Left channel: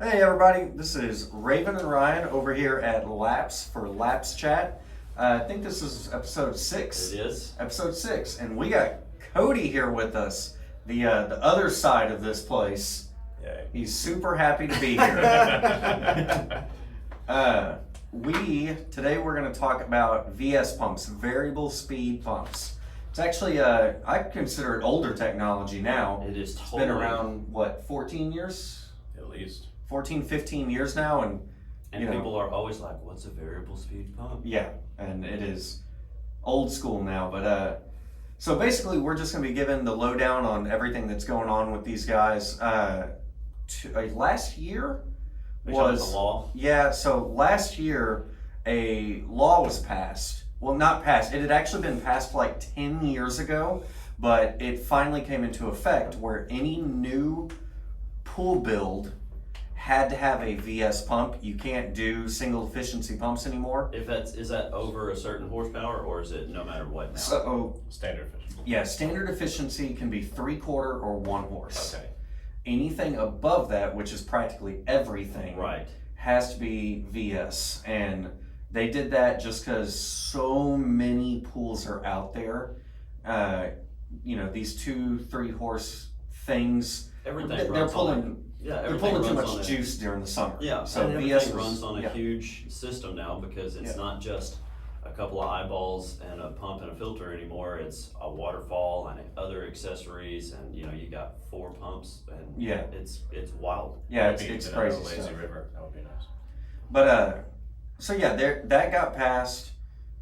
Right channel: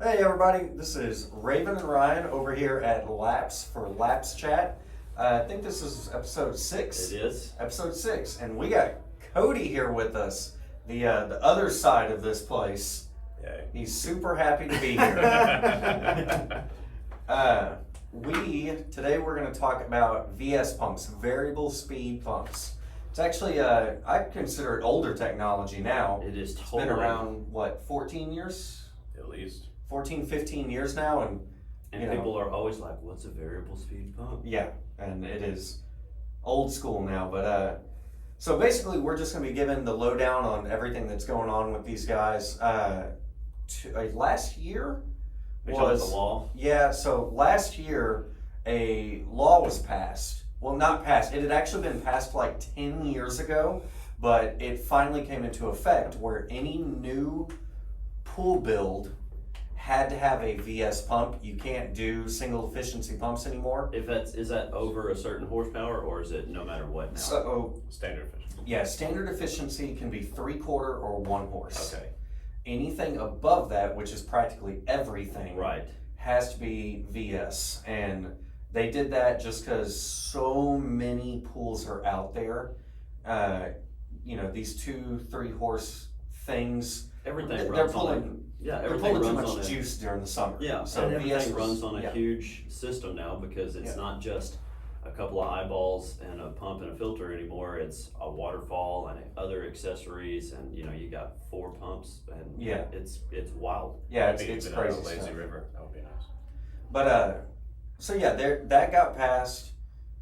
Hey everybody, this is Raven and Ryan over here at Laps for Laps Chat. I think this is episode 6. It is. Episode 6, and we got Cody here with us, the other side of this place. Yay. He's super happy to be here. Today we're going to talk about VS pumps, variable speed pumps. It's actually I consider it older technology now. It is It's totally. been around 14 years? At least. 14, 15 years now, and And you know. people are always like, "What's a variable speed pump?" yeah, and it is old school now. But so basically, we're just gonna be giving the lowdown on everything that's going on with these guys. Last year Which was was the law. yeah. So last year, a law was passed. Well, not passed. It had actually been passed like 10 years ago, but it finally came into effect where any new pool build had to have a VS pump. You can't do single efficiency pumps anymore. Is that over a certain horsepower, or is it no matter what now? So Standard fish. yeah, standard efficiency can be 3/4 or 1 horse. Okay. Anything above that, which is practically everything, Right. has to be VS. And they did that just because so many pools are out there. These 2-3 horse things, Everything they're runs on. pulling. Yeah, They're everything pulling too runs on much a, juice during the summer. Yeah, so and VS everything runs on a yeah. huge system now because it's Yeah. not just a couple of eyeballs and a pump and a filter anymore. It's a waterfall and other accessories, and you got 4 pumps, and Yeah. it's wild. Yeah, Maybe it's even crazy a lazy stuff. river. That would be nice. But so yeah, that got passed.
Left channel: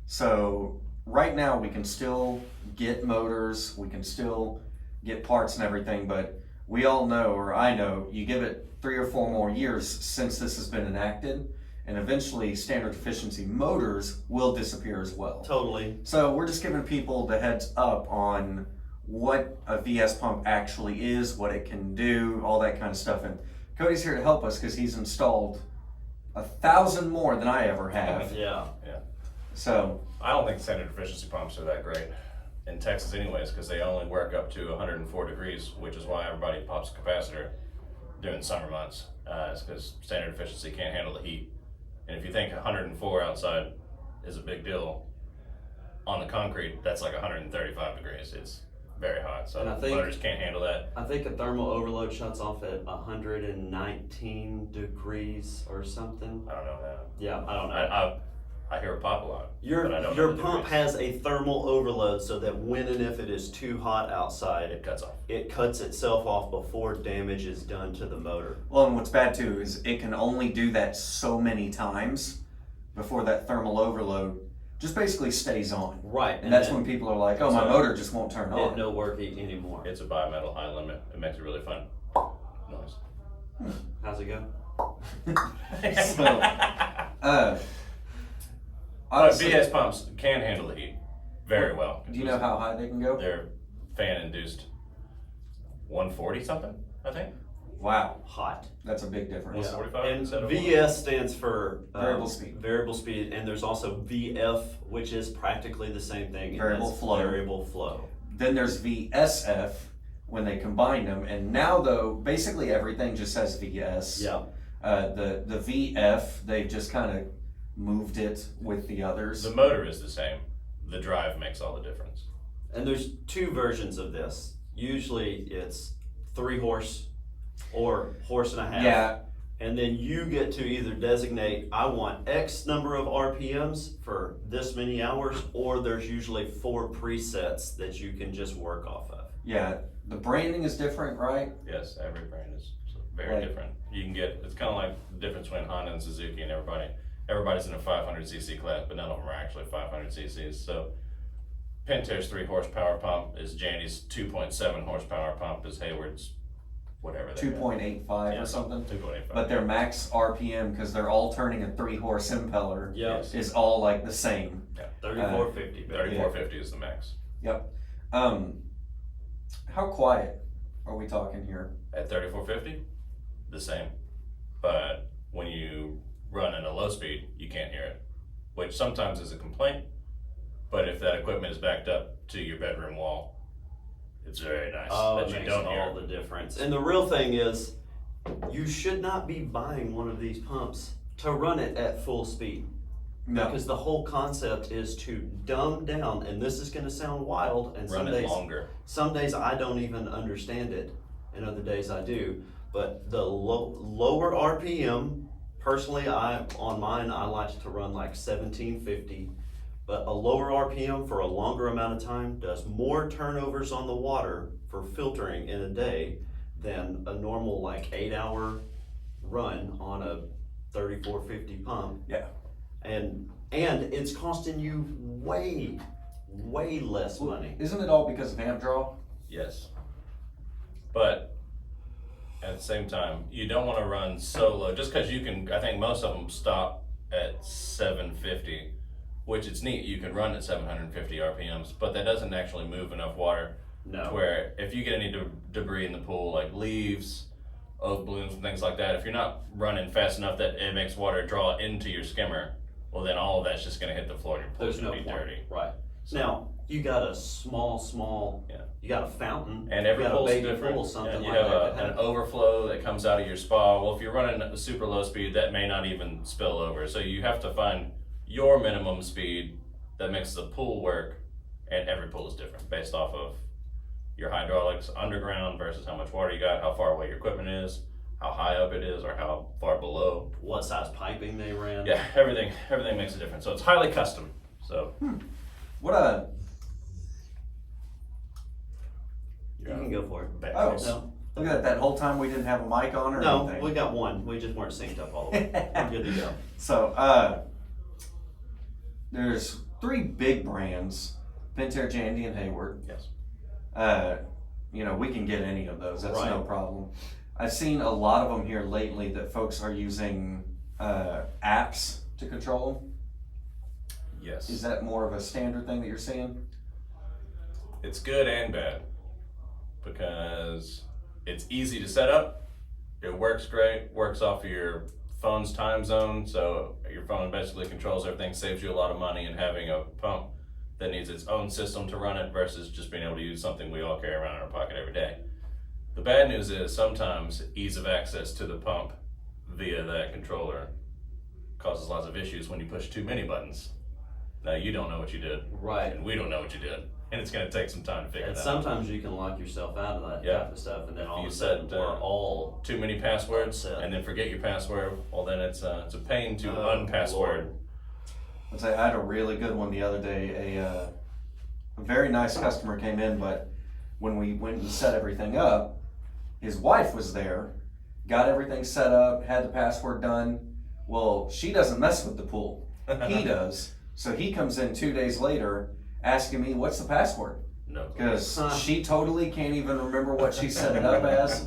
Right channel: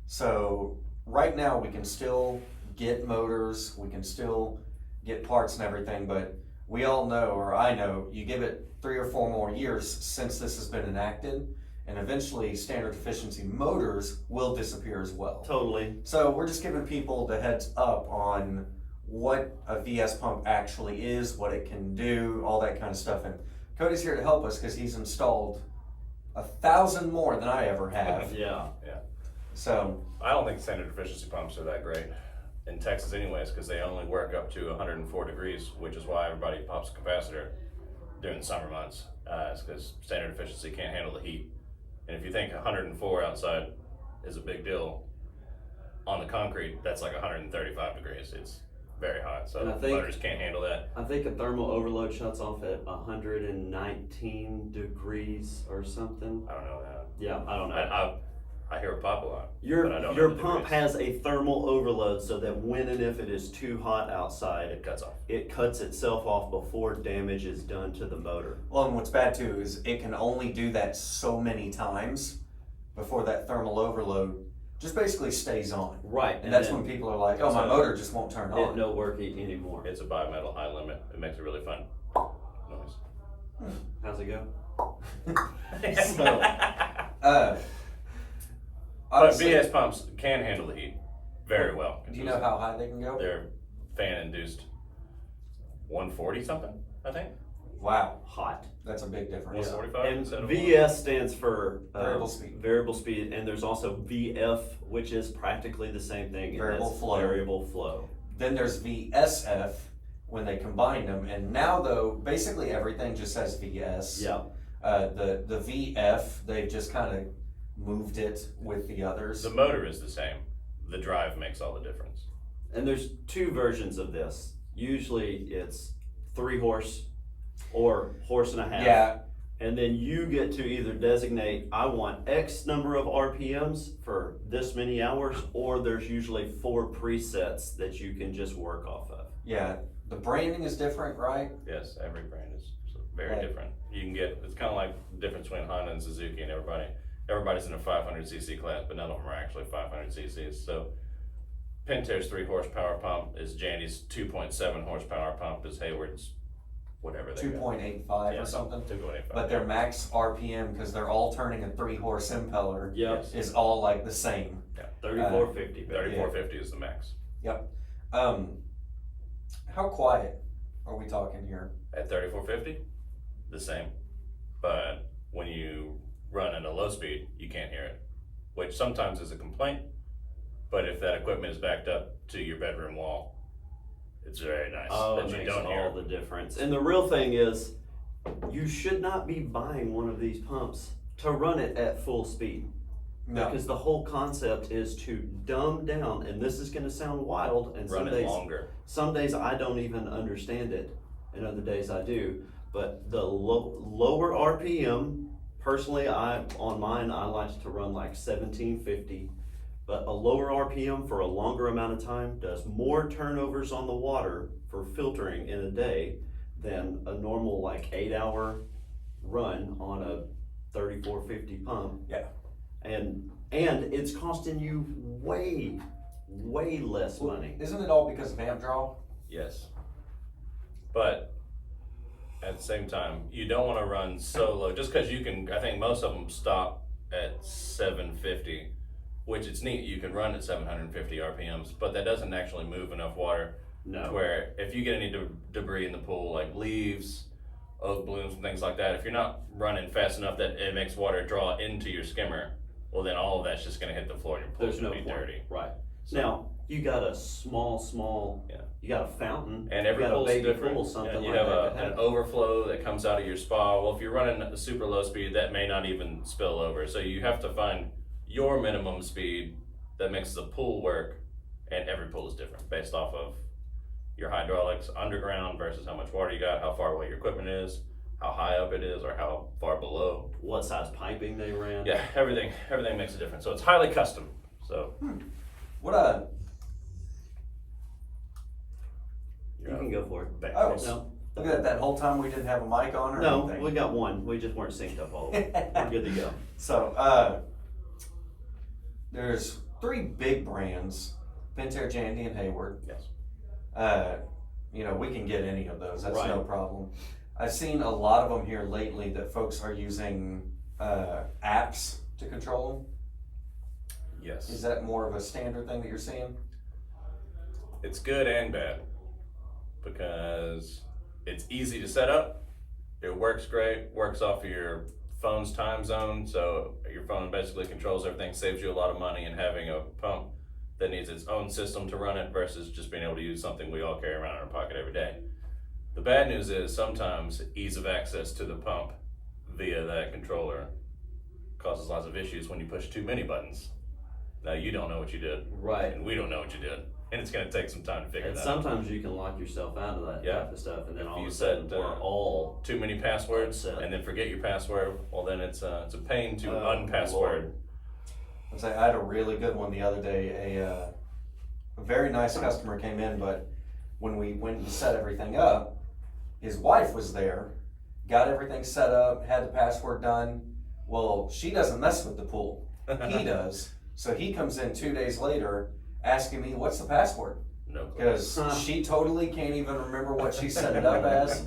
So right now we can still get motors, we can still get parts and everything, but we all know, or I know, you give it 3 or 4 more years since this has been enacted, and eventually standard efficiency motors will disappear as well. Totally. So we're just giving people the heads up on what a VS pump actually is, what it can do, all that kind of stuff. And Cody's here to help us because he's installed 1,000 more than I ever have. Yeah. So I don't think standard efficiency pumps are that great in Texas anyways, because they only work up to 104 degrees, which is why everybody pops a capacitor during the summer months. It's because standard efficiency can't handle the heat. And if you think 104 outside is a big deal, on the concrete, that's like 135 degrees. It's very hot, so And I think- motors can't handle that. I think a thermal overload shuts off at 119 degrees or something. I don't know that. Yeah, I don't know. I hear it pop a lot. Your but I don't know your the pump degrees. has a thermal overload so that when and if it is too hot outside, It cuts off. it cuts itself off before damage is done to the motor. well, and what's bad too is it can only do that so many times before that thermal overload just basically stays on. Right, And that's then when people are like, oh, my So- motor just won't turn it on. no work anymore. It's a bimetal high limit. It makes a really fun noise. How's it go? So, But obviously, VS pumps can handle the heat very well. do you know how high they can go? They're fan induced 140 something, I think. Wow, Hot. that's a big difference. 145 And instead of VS stands for Variable speed. Variable speed, and there's also VF, which is practically the same thing. and Variable that's flow. Variable flow. Then there's VSF when they combine them, and now though basically everything just says VS. Yeah. The VF they've just kind of moved it with the others. The motor is the same. The drive makes all the difference. And there's 2 versions of this. Usually it's 3 horse or horse and a half. Yeah, And then you get to either designate, I want X number of RPMs for this many hours, or there's usually 4 presets that you can just work off of. yeah. The branding is different, right? Yes, every brand is very Right. different. You can get, it's kind of like the difference between Honda and Suzuki, and everybody's in a 500cc class, but none of them are actually 500 cc's. So Pentair's 3 horsepower pump is Jandy's 2.7 horsepower pump is Hayward's whatever they got. 2.85 Yeah, or something. 2.85. But their max RPM, because they're all turning a 3-horse impeller, Yeah, Yes. is all like the same. 3450. 3450 is the max. Yep. How quiet are we talking here? At 3450, the same. But when you run at a low speed, you can't hear it, which sometimes is a complaint. But if that equipment is backed up to your bedroom wall, it's very nice Oh, that it you makes don't hear all it. the difference. And the real thing is, you should not be buying one of these pumps to run it at full speed. No, Because the whole concept is to dumb down, and this is gonna sound wild, and Run some it days, longer. some days I don't even understand it, and other days I do. But the lower RPM, personally, on mine, I like to run like 1750. But a lower RPM for a longer amount of time does more turnovers on the water for filtering in a day than a normal like 8-hour run on a 3450 pump. Yeah. And it's costing you way less money. Isn't it all because of amp draw? Yes. But at the same time, you don't want to run so low, just because you can, I think most of them stop at 750, which it's neat, you can run at 750 RPMs, but that doesn't actually move enough water to No. where if you get any debris in the pool, like leaves, oak blooms and things like that, if you're not running fast enough that it makes water draw into your skimmer, well then all of that's just gonna hit the floor and your pool's There's no gonna be point. dirty. Right. Now, you got a small, Yeah. you got a fountain. And every you got a pool's baby different. pool, something Yeah, you like have that. an overflow that comes out of your spa. Well, if you're running a super low speed, that may not even spill over. So you have to find your minimum speed that makes the pool work, and every pool is different based off of your hydraulics underground versus how much water you got, how far away your equipment is, how high up it is, or how far below. What size piping they ran. Yeah, everything makes a difference. So it's highly custom. So What You can go for it. back. Oh. No, look at that whole time we didn't have a mic on or no, anything. we got one. We just weren't synced up all the way. We're good to go. So, there's 3 big brands, Pentair, Jandy, and Hayward. Yes. You know, we can get any of those, that's Right. no problem. I've seen a lot of them here lately that folks are using, apps to control. Yes. Is that more of a standard thing that you're seeing? It's good and bad because it's easy to set up. It works great, works off of your phone's time zone. So your phone basically controls everything, saves you a lot of money, and having a pump that needs its own system to run it versus just being able to use something we all carry around in our pocket every day. The bad news is sometimes ease of access to the pump via that controller causes lots of issues when you push too many buttons. Now you don't know what you did, Right. and we don't know what you did, and it's gonna take some time to figure And that out. sometimes you can lock yourself out of that Yeah. type of stuff, and then all you of a sudden set, we're all. Too many passwords Upset. and then forget your password, well then it's a pain to Oh, unpassword. Lord. I had a really good one the other day. A very nice customer came in, but when we went and set everything up, his wife was there, got everything set up, had the password done. Well, she doesn't mess with the pool. He does. So he comes in 2 days later asking me, what's the password? No. Because she totally can't even remember what she set it up as.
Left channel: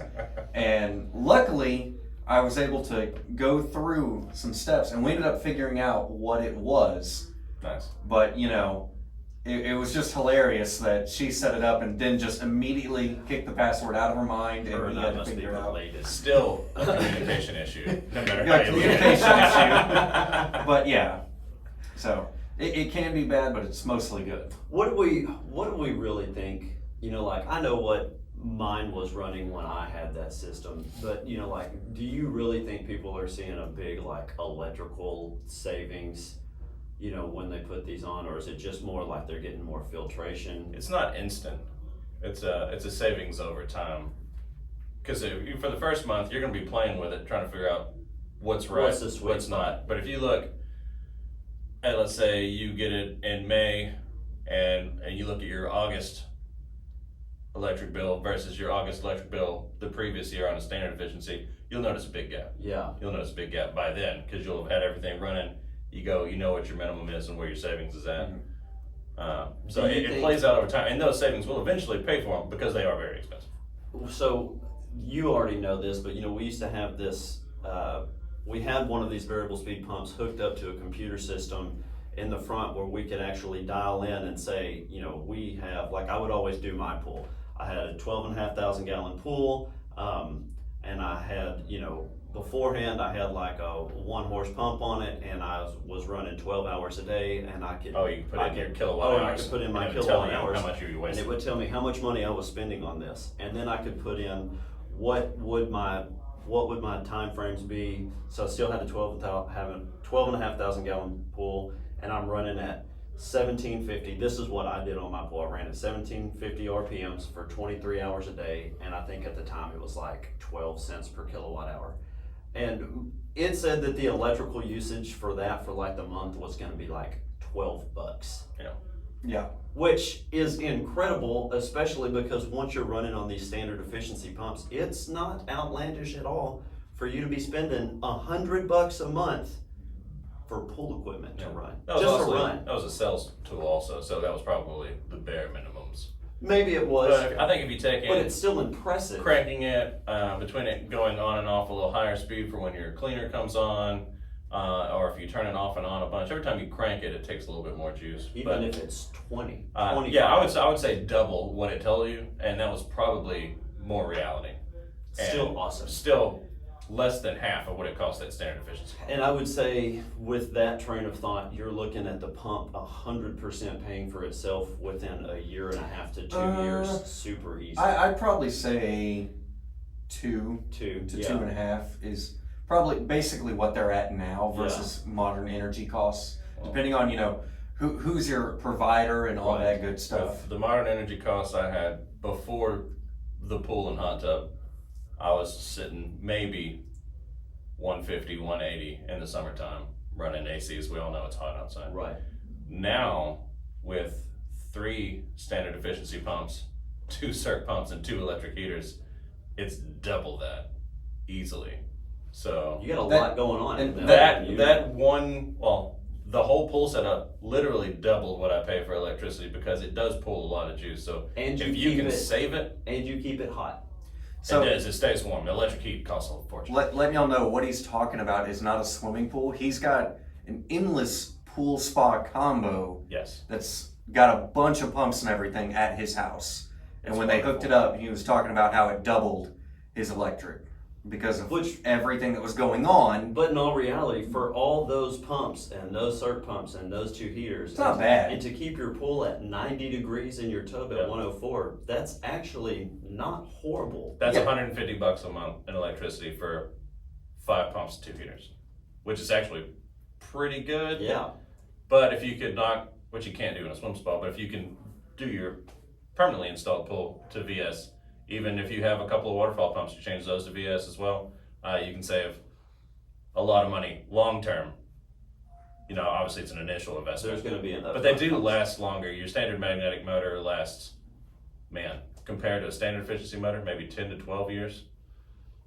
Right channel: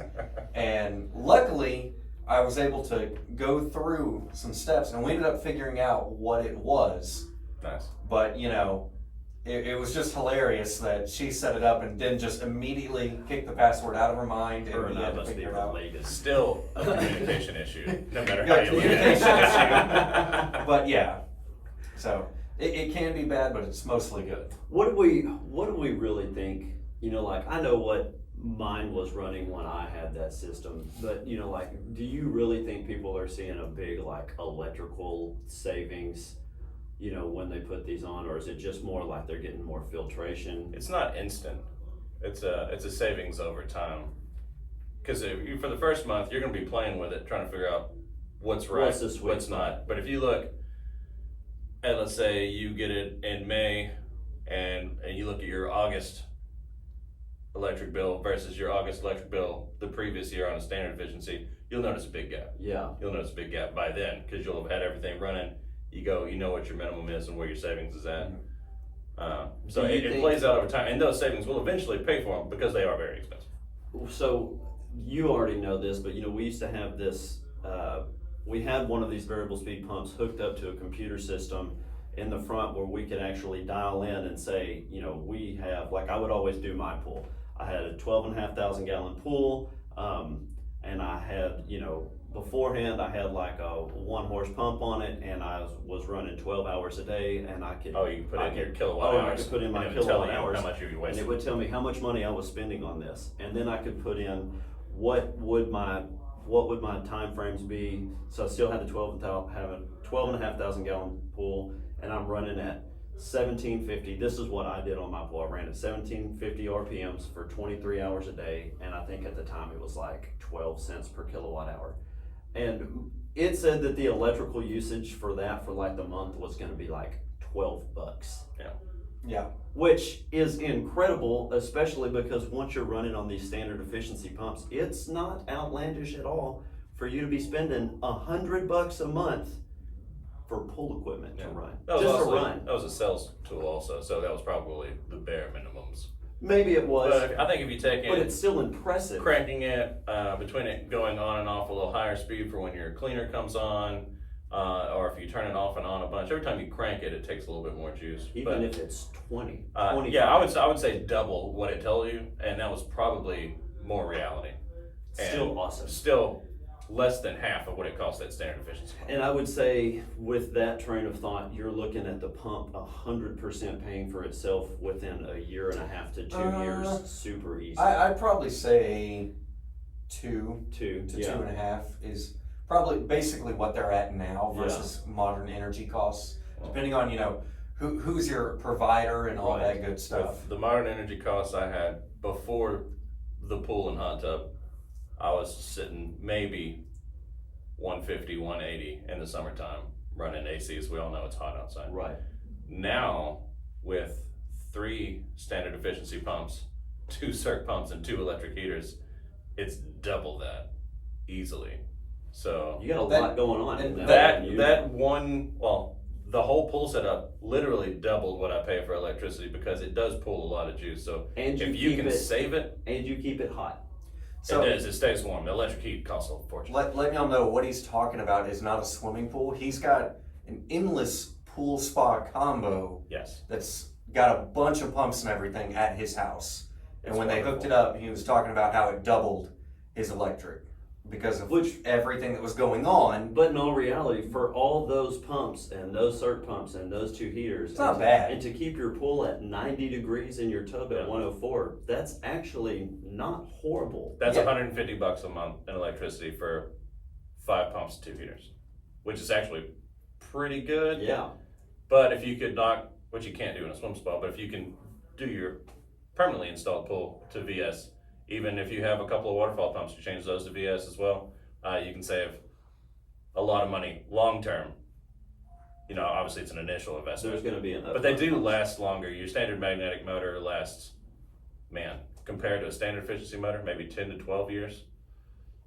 And luckily, I was able to go through some steps and we ended up figuring out what it was. Nice. But, you know, it was just hilarious that she set it up and then just immediately kicked the password out of her mind Her and and he I had to must be figure it out. related. Still a communication issue, no matter Yeah, how you look at it. But yeah, so it can be bad, but it's mostly good. What do we really think? You know, like I know what mine was running when I had that system, but you know, like, do you really think people are seeing a big like electrical savings? You know, when they put these on, or is it just more like they're getting more filtration? It's not instant. It's a savings over time. Because for the first month, you're going to be playing with it, trying to figure out what's right, What's the sweet what's spot? not. But if you look at, let's say you get it in May, and you look at your August electric bill versus your August electric bill the previous year on a standard efficiency, you'll notice a big gap. Yeah. You'll notice a big gap by then, because you'll have had everything running. You know what your minimum is and where your savings is at. So Do you it think- plays out over time, and those savings will eventually pay for them because they are very expensive. So you already know this, but you know, we used to have this, we had one of these variable speed pumps hooked up to a computer system in the front where we could actually dial in and say, you know, we have, like I would always do my pool. I had a 12,500 gallon pool, and I had, you know, beforehand I had like a 1 horse pump on it, and I was running 12 hours a day, and I could. Oh, you can put in your kilowatt Oh, and I hours. could put in my and it would tell kilowatt you hours. how much you're And wasting. it would tell me how much money I was spending on this, and then I could put in what would my what would my time frames be? So I still had the 12.5 gallon pool, and I'm running at 1750. This is what I did on my pool. I ran at 1750 RPMs for 23 hours a day, and I think at the time it was like 12 cents per kilowatt hour. And it said that the electrical usage for that for like the month was gonna be like $12. Yeah. Which is incredible, especially because once you're running on these standard efficiency pumps, it's not outlandish at all for you to be spending $100 a month for pool equipment to run. That was Just to also, run. that was a sales tool also, so that was probably the bare minimums. Maybe it was, But I think if you take but it, it's still impressive. cranking it, between it going on and off a little higher speed for when your cleaner comes on, or if you turn it off and on a bunch, every time you crank it, it takes a little bit more juice. Even if it's 20, Yeah, I would say double what it tells you, and that was probably more reality. Still And awesome. Still less than half of what it costs at standard efficiency. And I would say with that train of thought, you're looking at the pump 100% paying for itself within a year and a half to 2 years. Super easy. I'd probably say 2 Two, to yeah. 2.5 is probably basically what they're at now versus modern energy costs, depending on, who's your provider and all Right. that good stuff. With the modern energy costs I had before the pool and hot tub, I was sitting maybe 150, 180 in the summertime running ACs. We all know it's hot outside. Right. Now, with 3 standard efficiency pumps, 2 circ pumps, and 2 electric heaters, it's double that easily. So You got a That- lot going on. and in the whole pool setup literally doubled what I pay for electricity because it does pull a lot of juice. So and if you keep can it, save it, and you keep it hot. So it does. It stays warm. The electric heat costs a fortune. let y'all know what he's talking about is not a swimming pool. He's got an endless pool spa combo Yes. that's got a bunch of pumps and everything at his house. And It's when they hooked it up, he was talking about how it doubled his electric because of Which- everything that was going on. But in all reality, for all those pumps and those circ pumps and those 2 heaters, It's not and bad. and to keep your pool at 90 degrees and your tub Yeah. at 104, that's actually not horrible. That's Yeah. $150 a month in electricity for 5 pumps and 2 heaters, which is actually pretty good. Yeah. But if you could knock, which you can't do in a swim spa, but if you can do your permanently installed pool to VS, even if you have a couple of waterfall pumps, you change those to VS as well, you can save a lot of money long term. Obviously it's an initial investment, There's going to be an but they upfront do cost. last longer. Your standard magnetic motor lasts, compared to a standard efficiency motor, maybe 10 to 12 years.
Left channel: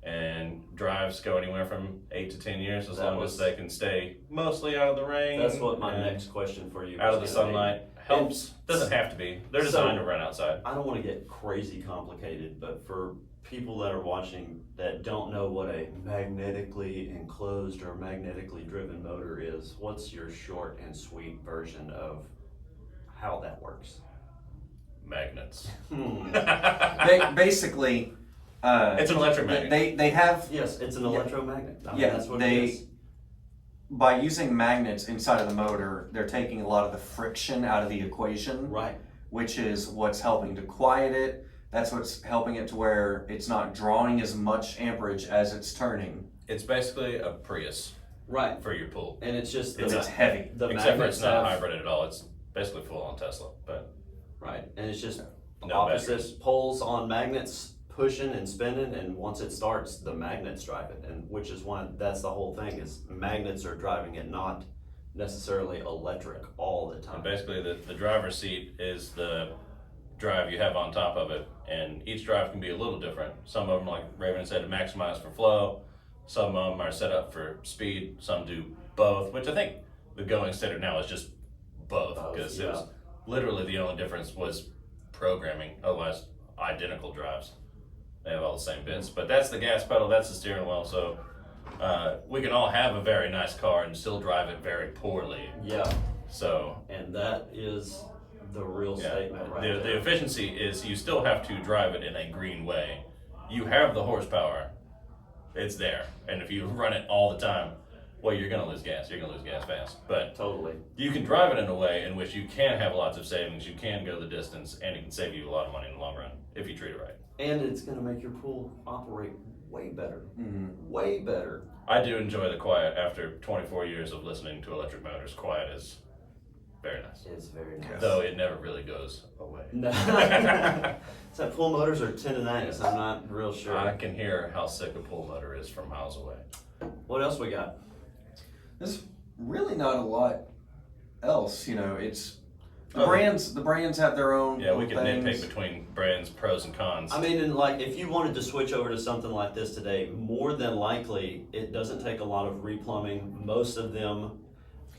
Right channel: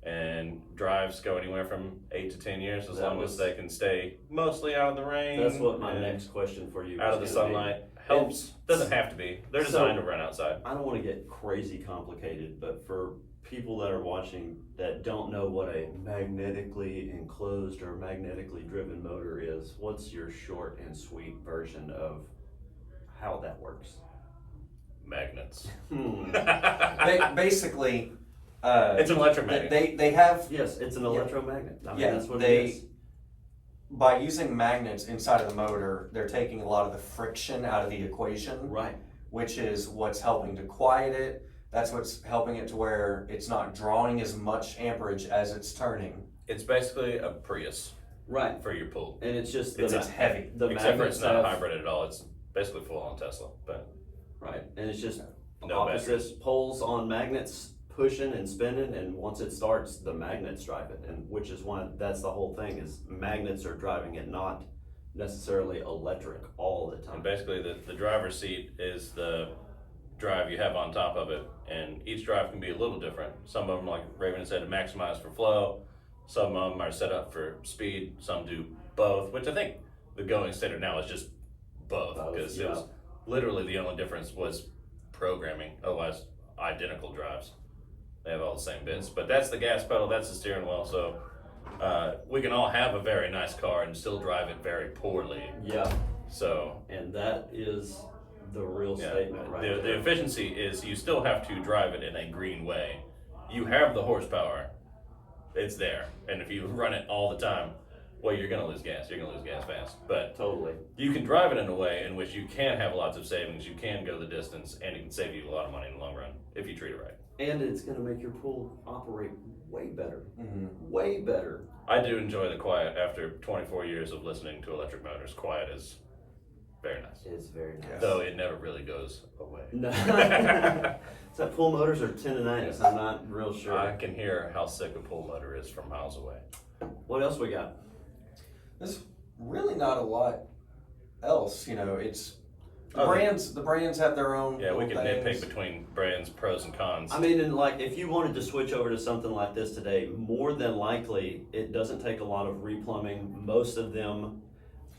And drives go anywhere from 8 to 10 years as That long was- as they can stay mostly out of the rain. That's what my and next question for you out of the was gonna be. sunlight. Helps. Doesn't have to be. They're designed to run outside. I don't want to get crazy complicated, but for people that are watching that don't know what a magnetically enclosed or magnetically driven motor is, what's your short and sweet version of how that works? Magnets. They basically, It's an electromagnet. they have, Yes, it's an electromagnet. I mean, Yeah, that's what they- it is. by using magnets inside of the motor, they're taking a lot of the friction out of the equation, Right. which is what's helping to quiet it. That's what's helping it to where it's not drawing as much amperage as it's turning. It's basically a Prius Right. for your pool. And it's just It's heavy. the Except for magnets it's not have, hybrid at all. It's basically full on Tesla. But right. And it's just no opposite batteries. poles on magnets pushing and spinning, and once it starts, the magnets drive it, and which is that's the whole thing, is magnets are driving it, not necessarily electric all the And time. basically the driver's seat is the drive you have on top of it, and each drive can be a little different. Some of them, like Raven said, are maximized for flow. Some of them are set up for speed. Some do both, which I think the going standard now is just both, Both, because yeah. it was literally the only difference was programming. Otherwise, identical drives. They have all the same bits, but that's the gas pedal, that's the steering wheel. So we can all have a very nice car and still drive it very poorly. Yeah, So and that is the real yeah, statement right the there. efficiency is you still have to drive it in a green way. You have the horsepower, it's there, and if you run it all the time, well, you're gonna lose gas. You're gonna lose gas fast, but Totally. you can drive it in a way in which you can have lots of savings. You can go the distance, and it can save you a lot of money in the long run if you treat it right. And it's gonna make your pool operate way better, Mhm. way better. I do enjoy the quiet after 24 years of listening to electric motors. Quiet is very nice. It's very nice. Though it never really goes away. No. So pool motors are 10 and 9, so I'm not real sure. I can hear how sick a pool motor is from miles away. What else we got? There's really not a lot else, you know, it's, the Okay. brands have their own Yeah, we little can things. nitpick between brands, pros and cons. I mean, and like, if you wanted to switch over to something like this today, more than likely, it doesn't take a lot of replumbing. Most of them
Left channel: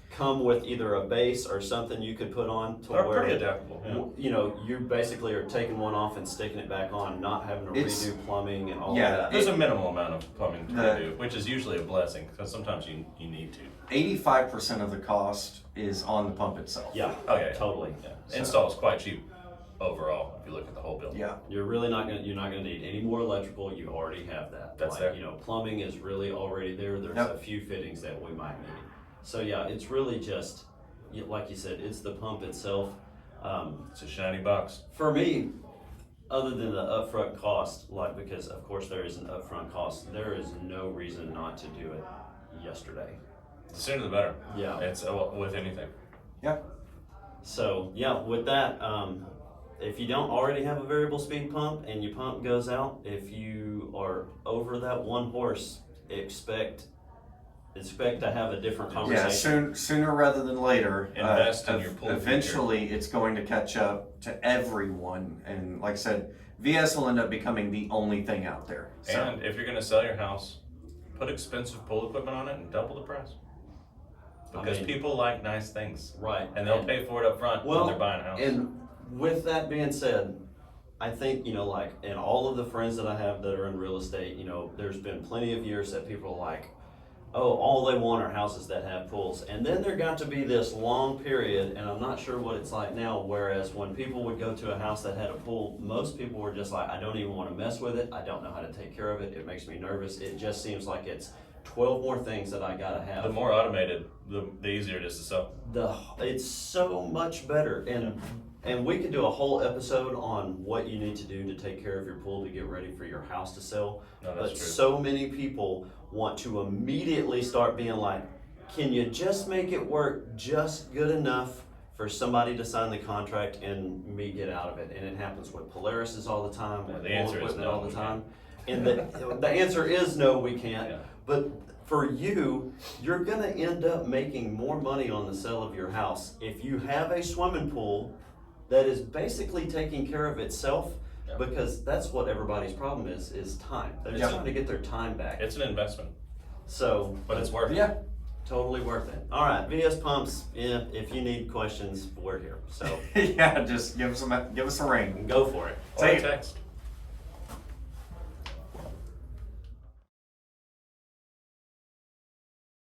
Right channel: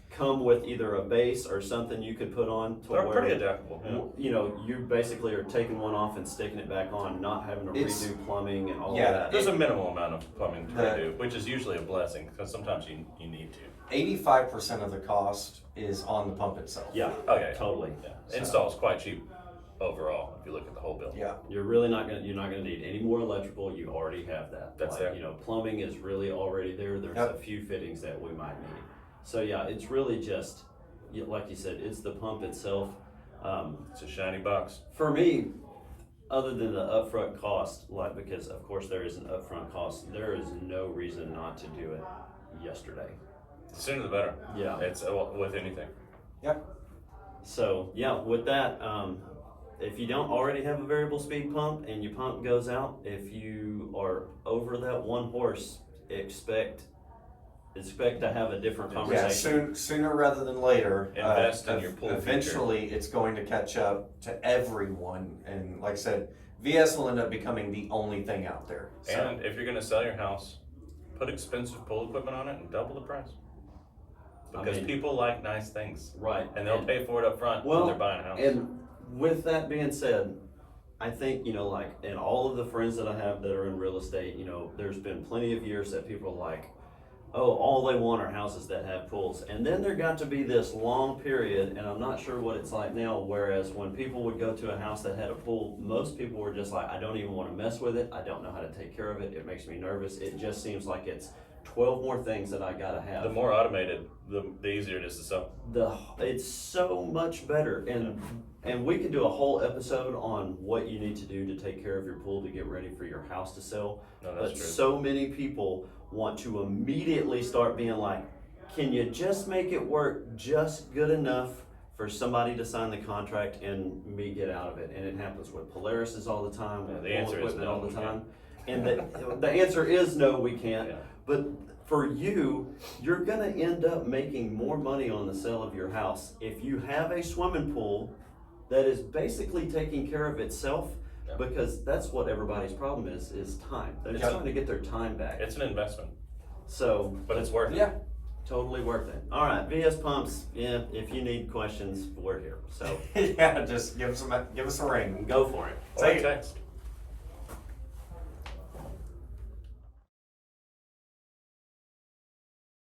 come with either a base or something you could put on to they're where, pretty adaptable. Yeah. you know, you basically are taking one off and sticking it back on, not having to It's- redo plumbing and all yeah, of that. There's a minimal amount of plumbing to The- redo, which is usually a blessing because sometimes you need to. 85% of the cost is on the pump itself. Yeah, Okay. totally. Yeah. So- Install is quite cheap overall if you look at the whole bill. Yeah, You're not gonna need any more electrical, you already have that. That's Like, there. You know, plumbing is really already there, there's Yep. a few fittings that we might need. So yeah, it's really just, like you said, it's the pump itself. It's a shiny box. For me, other than the upfront cost, like, because of course there is an upfront cost, there is no reason not to do it yesterday. The sooner the better. Yeah. It's with anything. So yeah, with that, if you don't already have a variable speed pump and your pump goes out, if you are over that 1 horse, expect to have a different yeah, conversation. sooner rather than later. Invest in your pool future. Eventually, it's going to catch up to everyone, and like I said, VS will end up becoming the only thing out there. So, And if you're gonna sell your house, put expensive pool equipment on it and double the price. Because mean- people like nice things. Right. And they'll pay for it up front Well, when they're buying a house. And with that being said, I think, you know, like, in all of the friends that I have that are in real estate, you know, there's been plenty of years that people are like, oh, all they want are houses that have pools. And then there got to be this long period, and I'm not sure what it's like now, whereas when people would go to a house that had a pool, most people were just like, I don't even want to mess with it. I don't know how to take care of it. It makes me nervous. It just seems like it's 12 more things that I gotta have. The more automated, the easier it is to sell. It's so much better, and we could do a whole episode on what you need to do to take care of your pool to get ready for your house to sell. No, But that's true. so many people want to immediately start being like, can you just make it work just good enough for somebody to sign the contract and me get out of it? And it happens with Polaris's all the time, Yeah, with the pool answer is equipment no, all the we time. And the answer is no, we can't. Yeah. But for you, you're gonna end up making more money on the sale of your house if you have a swimming pool that is basically taking care of itself, Yeah. because that's what everybody's problem is time. They're Yeah. trying to get their time back. It's an investment, So, but it's worth it. yeah, totally worth it. All right, VS Pumps, yeah, if you need questions, we're here. So yeah, just give us a ring. go for it. Or Say- text.